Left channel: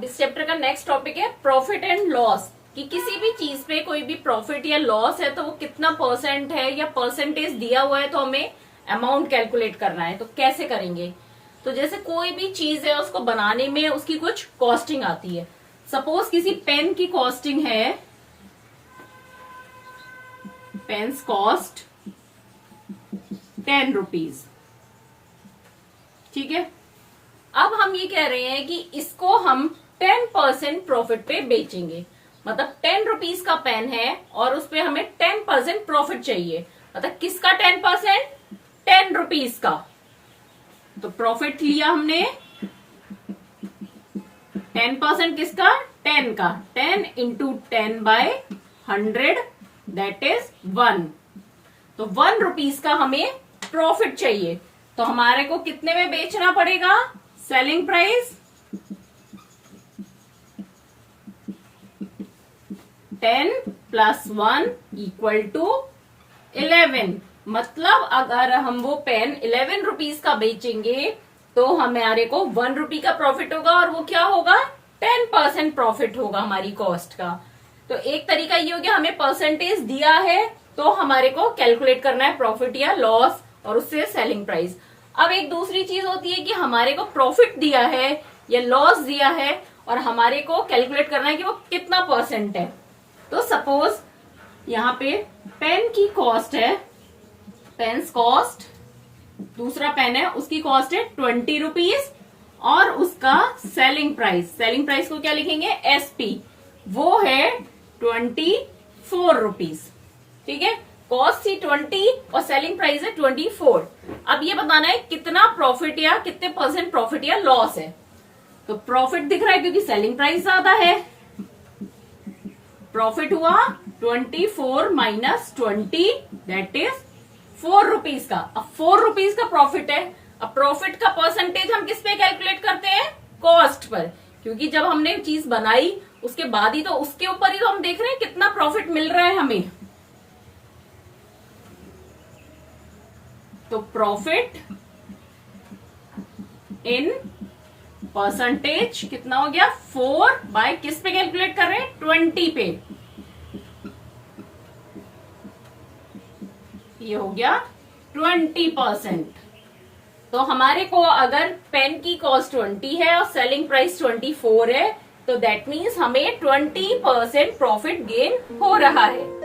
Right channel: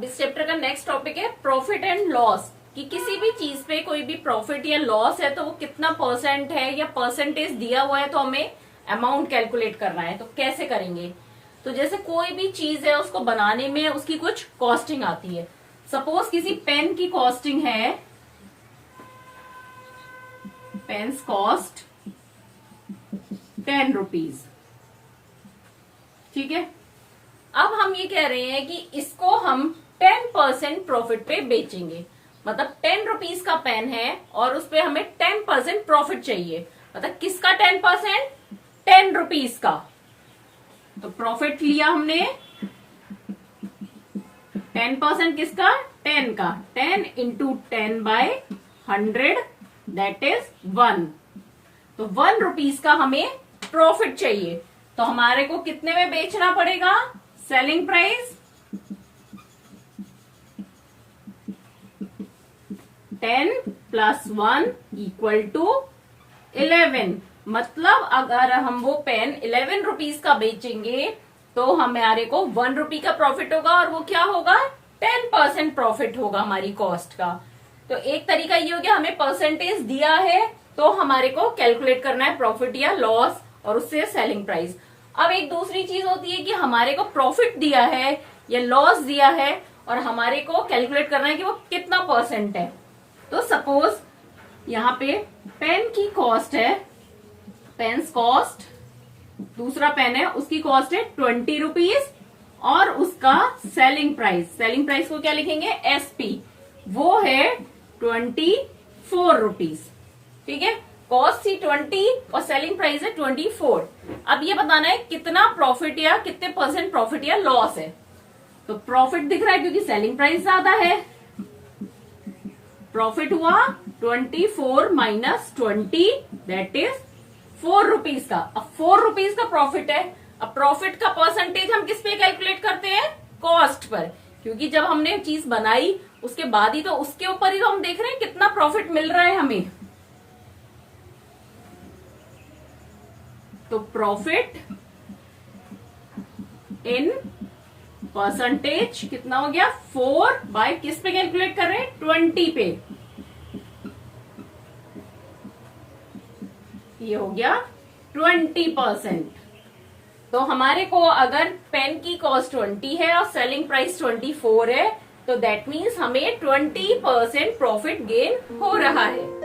अब इस चैप्टर का नेक्स्ट टॉपिक है प्रॉफिट एंड लॉस, कि किसी भी चीज पे कोई भी प्रॉफिट या लॉस है तो वो कितना परसेंट है या परसेंटेज दिया हुआ है, तो हमें अमाउंट कैलकुलेट करना है। तो कैसे करेंगे? तो जैसे कोई भी चीज है उसको बनाने में उसकी कुछ कॉस्टिंग आती है। सपोज किसी पेन की कॉस्टिंग है, पेन्स कॉस्ट 10 रुपीज, ठीक है। अब हम ये कह रहे हैं कि इसको हम 10% प्रॉफिट पे बेचेंगे। मतलब 10 रुपीज का पेन है और उस पे हमें 10% प्रॉफिट चाहिए। मतलब किसका 10%? 10 रुपीज का। तो प्रॉफिट लिया हमने 10% किसका? 10 का। 10 इंटू 10/100 दैट इज 1। तो 1 रुपीज का हमें प्रॉफिट चाहिए। तो हमारे को कितने में बेचना पड़ेगा? Selling price 10 + 1 = 11। मतलब अगर हम वो पेन 11 रुपीज का बेचेंगे तो हमारे को 1 रुपी का प्रॉफिट होगा, और वो क्या होगा? 10% प्रॉफिट होगा हमारी कॉस्ट का। तो एक तरीका ये हो गया, हमें परसेंटेज दिया है तो हमारे को कैलकुलेट करना है प्रॉफिट या लॉस, और उससे सेलिंग प्राइस। अब एक दूसरी चीज होती है कि हमारे को प्रॉफिट दिया है या लॉस दिया है और हमारे को कैलकुलेट करना है कि वो कितना परसेंट है। तो सपोज यहाँ पे पेन की कॉस्ट है, पेन्स कॉस्ट, दूसरा पेन है उसकी कॉस्ट है 20 रुपीज, और उसका सेलिंग प्राइस को क्या लिखेंगे? SP, वो है 24 रुपीज, ठीक है। कॉस्ट थी 20 और सेलिंग प्राइस है 24। अब ये बताना है कितना प्रॉफिट या कितने परसेंट प्रॉफिट या लॉस है। तो प्रॉफिट दिख रहा है क्योंकि सेलिंग प्राइस ज्यादा है। प्रॉफिट हुआ 24 - 20 दैट इज 4 रुपीज का। अब 4 रुपीज का प्रॉफिट है। अब प्रॉफिट का परसेंटेज हम किस पे कैलकुलेट करते हैं? कॉस्ट पर, क्योंकि जब हमने चीज बनाई उसके बाद ही तो उसके ऊपर ही तो हम देख रहे हैं कितना प्रॉफिट मिल रहा है हमें। तो प्रॉफिट इन परसेंटेज कितना हो गया? 4 बाय किस पे कैलकुलेट कर रहे हैं? 20 पे। ये हो गया 20%। तो हमारे को अगर पेन की कॉस्ट 20 है और सेलिंग प्राइस 24 है, तो दैट मीन्स हमें 20% प्रॉफिट गेन हो रहा है।